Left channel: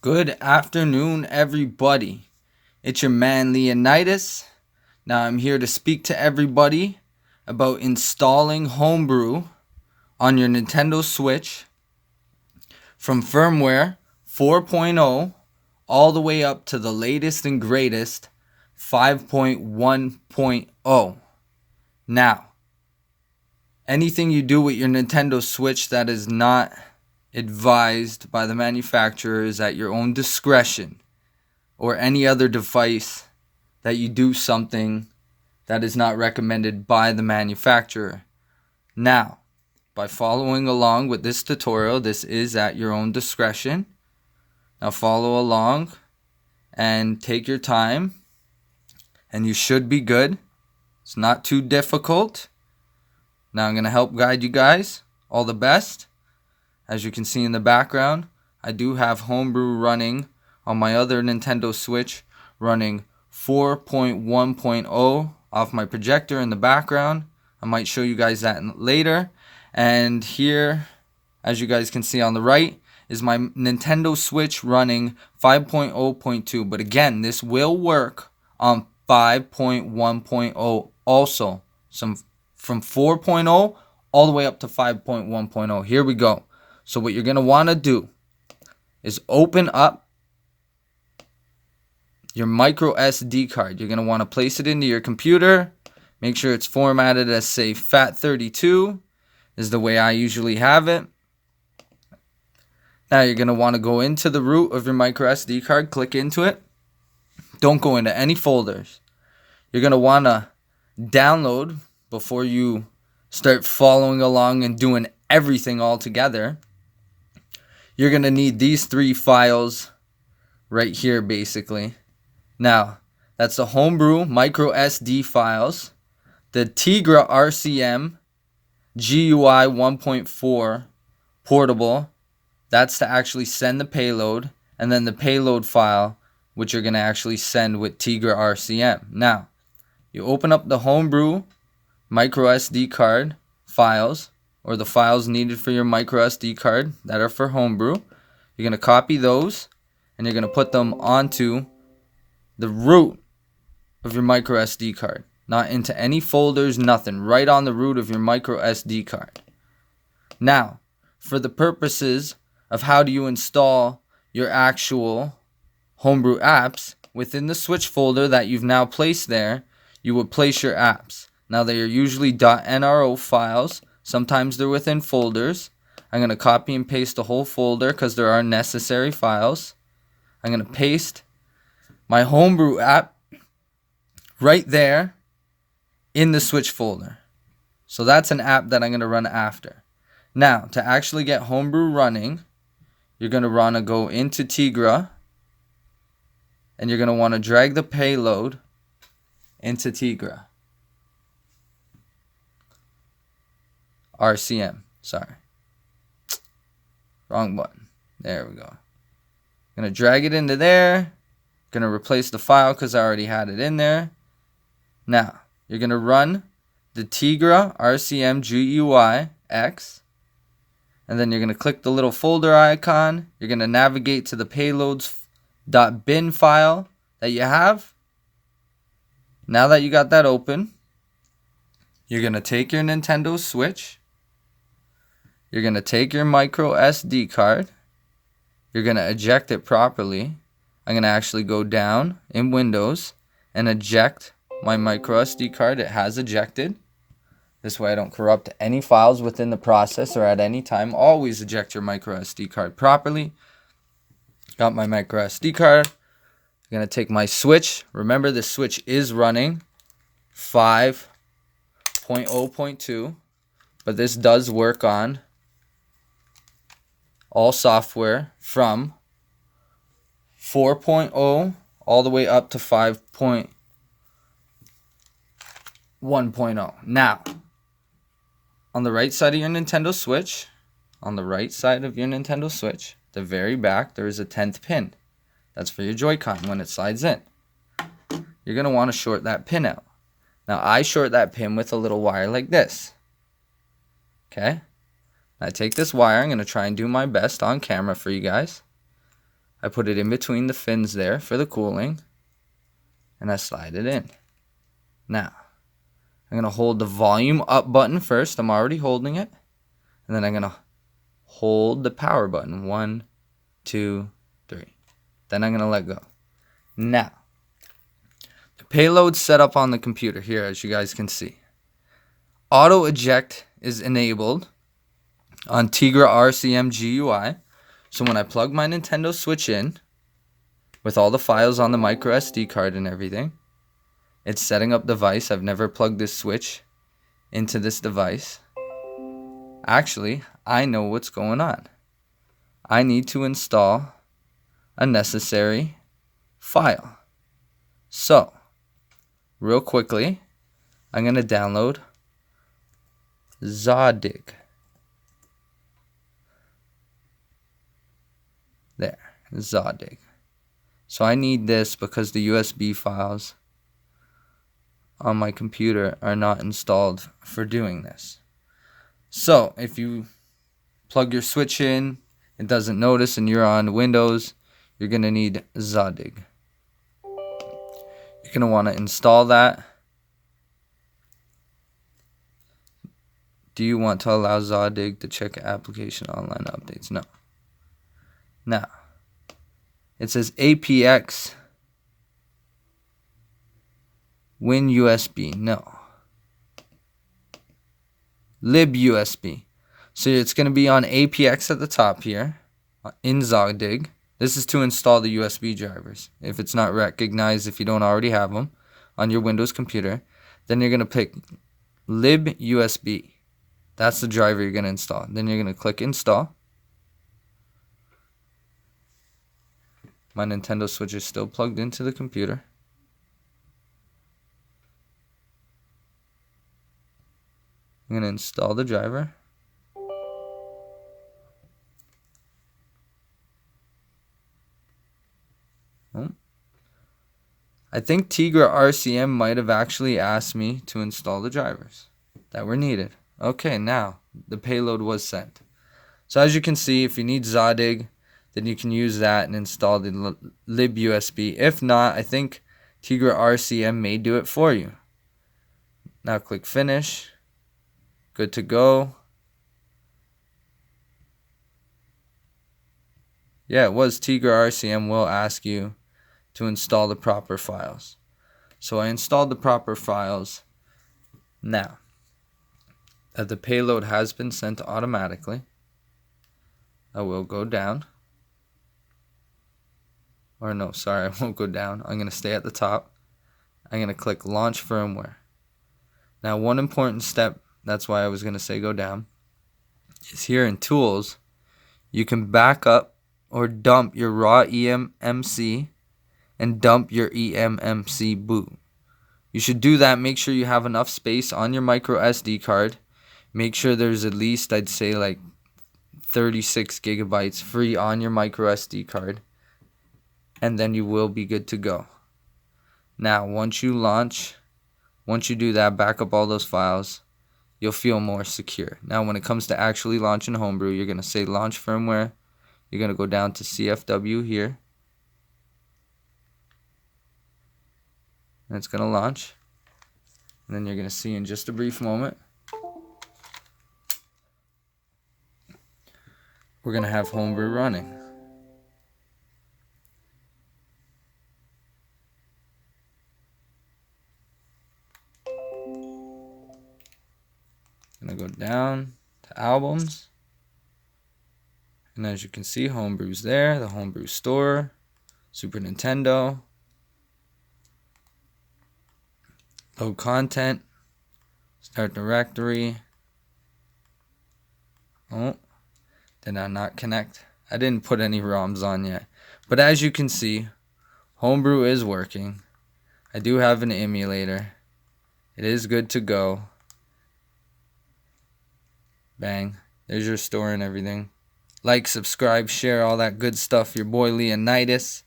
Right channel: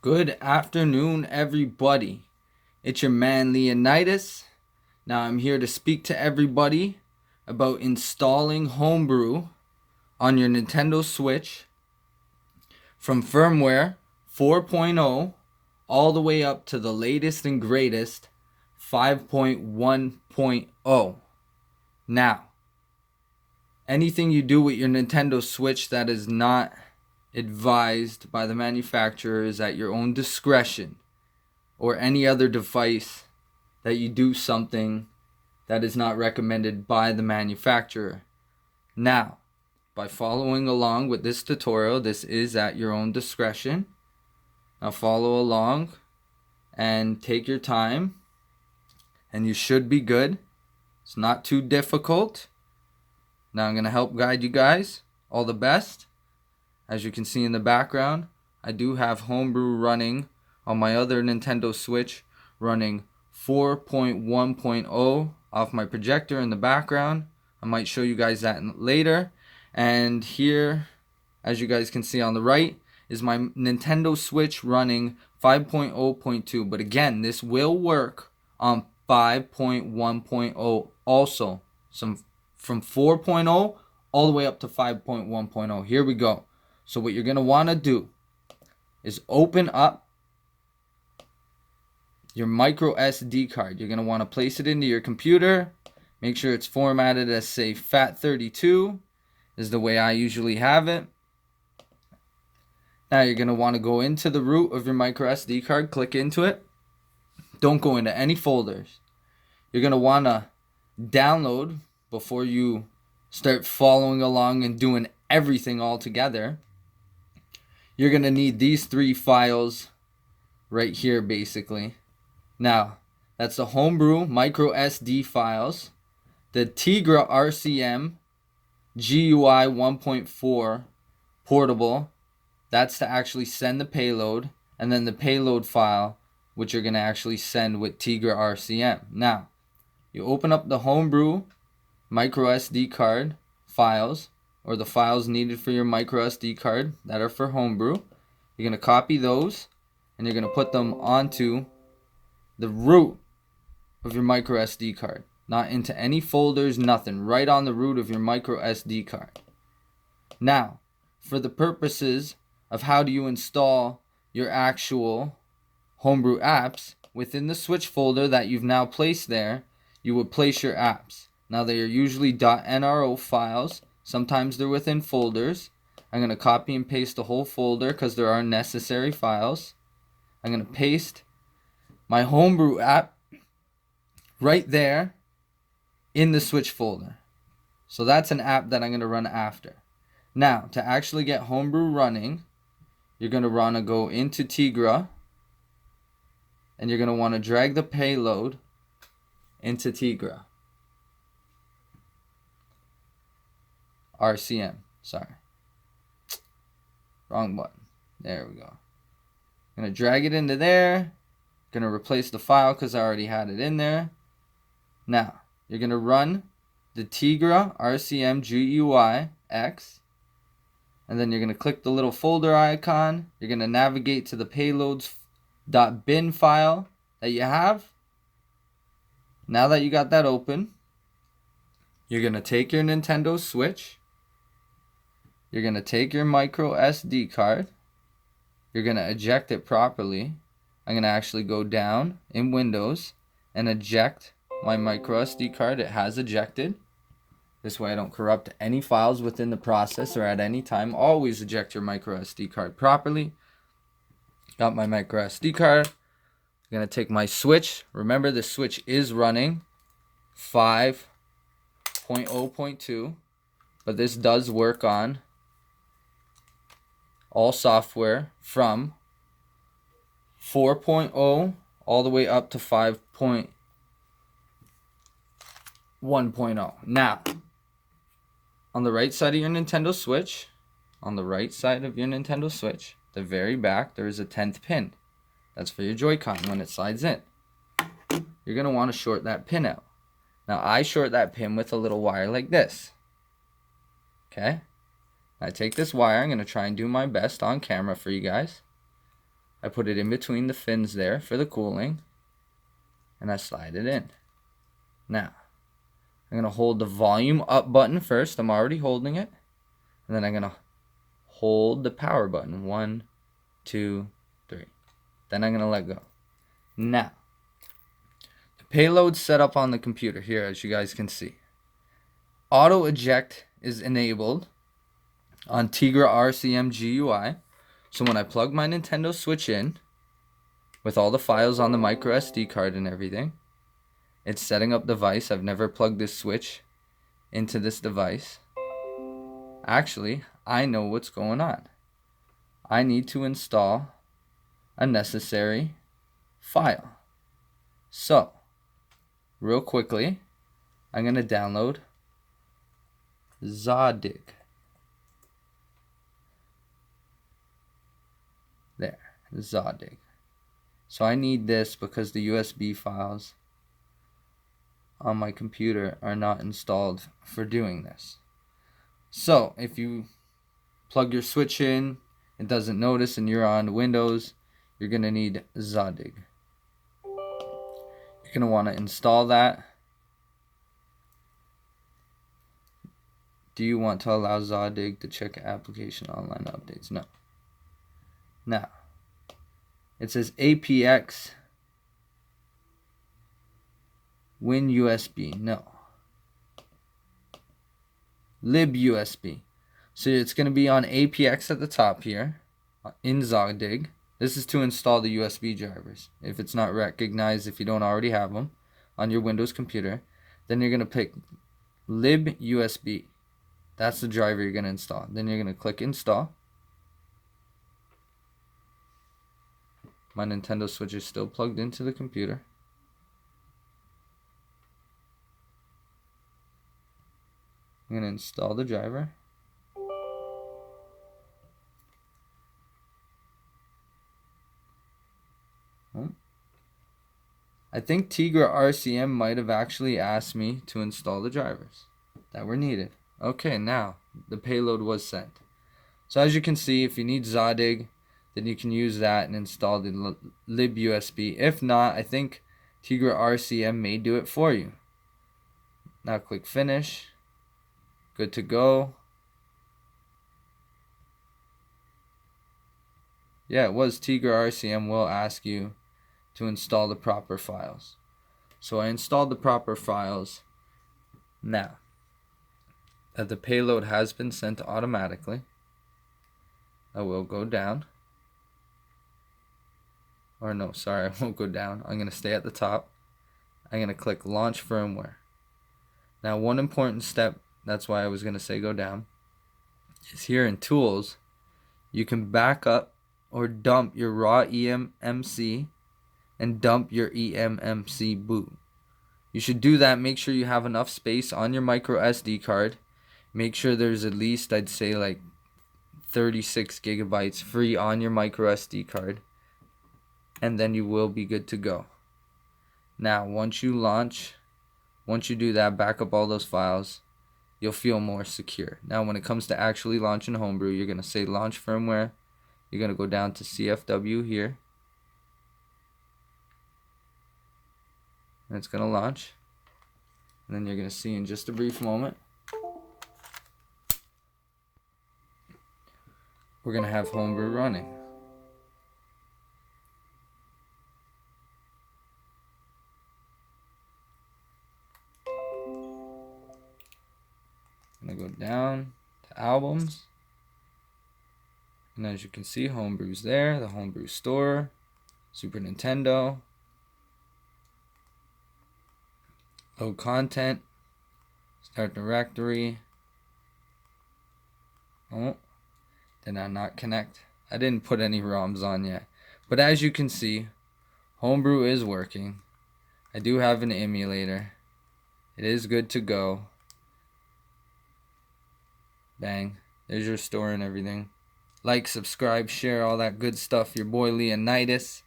Good afternoon, everybody. It's your man Leonidas. Now I'm here to speak to everybody about installing Homebrew on your Nintendo Switch from firmware 4.0 all the way up to the latest and greatest 5.1.0. Now, anything you do with your Nintendo Switch that is not advised by the manufacturer is at your own discretion, or any other device that you do something that is not recommended by the manufacturer. Now, by following along with this tutorial, this is at your own discretion. Now follow along and take your time, and you should be good. It's not too difficult. Now I'm going to help guide you guys. All the best. As you can see in the background, I do have Homebrew running on my other Nintendo Switch, running 4.1.0 off my projector in the background. I might show you guys that later. And here, as you guys can see on the right, is my Nintendo Switch running 5.0.2. But again, this will work on 5.1.0 also. From 4.0 all the way up to 5.1.0. Here we go. So what you're going to want to do is open up your microSD card. You're going to want to place it into your computer. Make sure it's formatted as, say, FAT32 is the way I usually have it. Now you're going to want to go into the root of your microSD card. Click into it. Don't go into any folders. You're going to want to download before you start following along and doing everything all together. You're going to need these three files right here, basically. Now, that's the Homebrew microSD files, the TegraRcmGui 1.4 portable, that's to actually send the payload, and then the payload file, which you're going to actually send with TegraRcm. Now, you open up the Homebrew microSD card files, or the files needed for your microSD card that are for Homebrew. You're going to copy those, and you're going to put them onto the root of your microSD card. Not into any folders, nothing. Right on the root of your microSD card. Now, for the purposes of how do you install your actual Homebrew apps, within the Switch folder that you've now placed there, you would place your apps. Now, they are usually .nro files. Sometimes they're within folders. I'm going to copy and paste the whole folder because there are necessary files. I'm going to paste my Homebrew app right there in the Switch folder. So that's an app that I'm going to run after. Now, to actually get Homebrew running, you're going to want to go into Tegra, and you're going to want to drag the payload into Tegra. RCM, sorry. Wrong button. There we go. Gonna drag it into there. Gonna replace the file because I already had it in there. Now, you're gonna run the TegraRcmGui X, and then you're gonna click the little folder icon. You're gonna navigate to the payloads.bin file that you have. Now that you got that open, you're gonna take your Nintendo Switch. You're going to take your micro SD card. You're going to eject it properly. I'm going to actually go down in Windows and eject my micro SD card. It has ejected. This way I don't corrupt any files within the process or at any time. Always eject your micro SD card properly. Got my micro SD card. I'm going to take my Switch. Remember, the Switch is running 5.0.2, but this does work on all software from 4.0 all the way up to 5.1.0. Now, on the right side of your Nintendo Switch, the very back, there is a 10th pin. That's for your Joy-Con when it slides in. You're going to want to short that pin out. Now, I short that pin with a little wire like this. Okay? I take this wire. I'm going to try and do my best on camera for you guys. I put it in between the fins there for the cooling, and I slide it in. Now, I'm going to hold the volume up button first. I'm already holding it. And then I'm going to hold the power button. 1, 2, 3. Then I'm going to let go. Now, the payload's set up on the computer here, as you guys can see. Auto eject is enabled on TegraRcmGui. So when I plug my Nintendo Switch in, with all the files on the microSD card and everything, it's setting up the device. I've never plugged this switch into this device. Actually, I know what's going on. I need to install a necessary file. So, real quickly, I'm going to download Zadig. There, Zadig. So I need this because the USB files on my computer are not installed for doing this. So if you plug your switch in, it doesn't notice, and you're on Windows, you're going to need Zadig. You're going to want to install that. Do you want to allow Zadig to check application online updates? No. Now, it says APX WinUSB. No. LibUSB. So it's going to be on APX at the top here in Zadig. This is to install the USB drivers. If it's not recognized, if you don't already have them on your Windows computer, then you're going to pick LibUSB. That's the driver you're going to install. Then you're going to click install. My Nintendo Switch is still plugged into the computer. I'm going to install the driver. I think TegraRcm might have actually asked me to install the drivers that were needed. Okay, now the payload was sent. So as you can see, if you need Zadig, then you can use that and install the libUSB. If not, I think TegraRcm may do it for you. Now click finish. Good to go. Yeah, it was TegraRcm will ask you to install the proper files. So I installed the proper files. Now that the payload has been sent automatically, I will go down. Or no, sorry, I won't go down. I'm going to stay at the top. I'm going to click launch firmware. Now one important step, that's why I was going to say go down, is here in tools, you can back up or dump your raw eMMC and dump your eMMC boot. You should do that. Make sure you have enough space on your micro SD card. Make sure there's at least, I'd say, like 36 gigabytes free on your micro SD card. And then you will be good to go. Now, once you do that, back up all those files, you'll feel more secure. Now, when it comes to actually launching Homebrew, you're going to say launch firmware. You're going to go down to CFW here. And it's going to launch. And then you're going to see in just a brief moment, we're going to have Homebrew running. I'm going to go down to albums. And as you can see, Homebrew's there. The Homebrew store. Super Nintendo. Load content. Start directory. Oh, did I not connect? I didn't put any ROMs on yet. But as you can see, Homebrew is working. I do have an emulator. It is good to go. Bang. There's your store and everything. Like, subscribe, share, all that good stuff. Your boy Leonidas.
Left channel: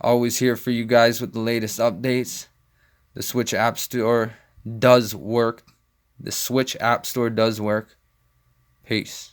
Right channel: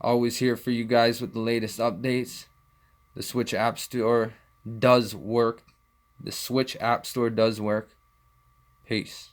Always here for you guys with the latest updates. The Switch App Store does work. The Switch App Store does work. Peace.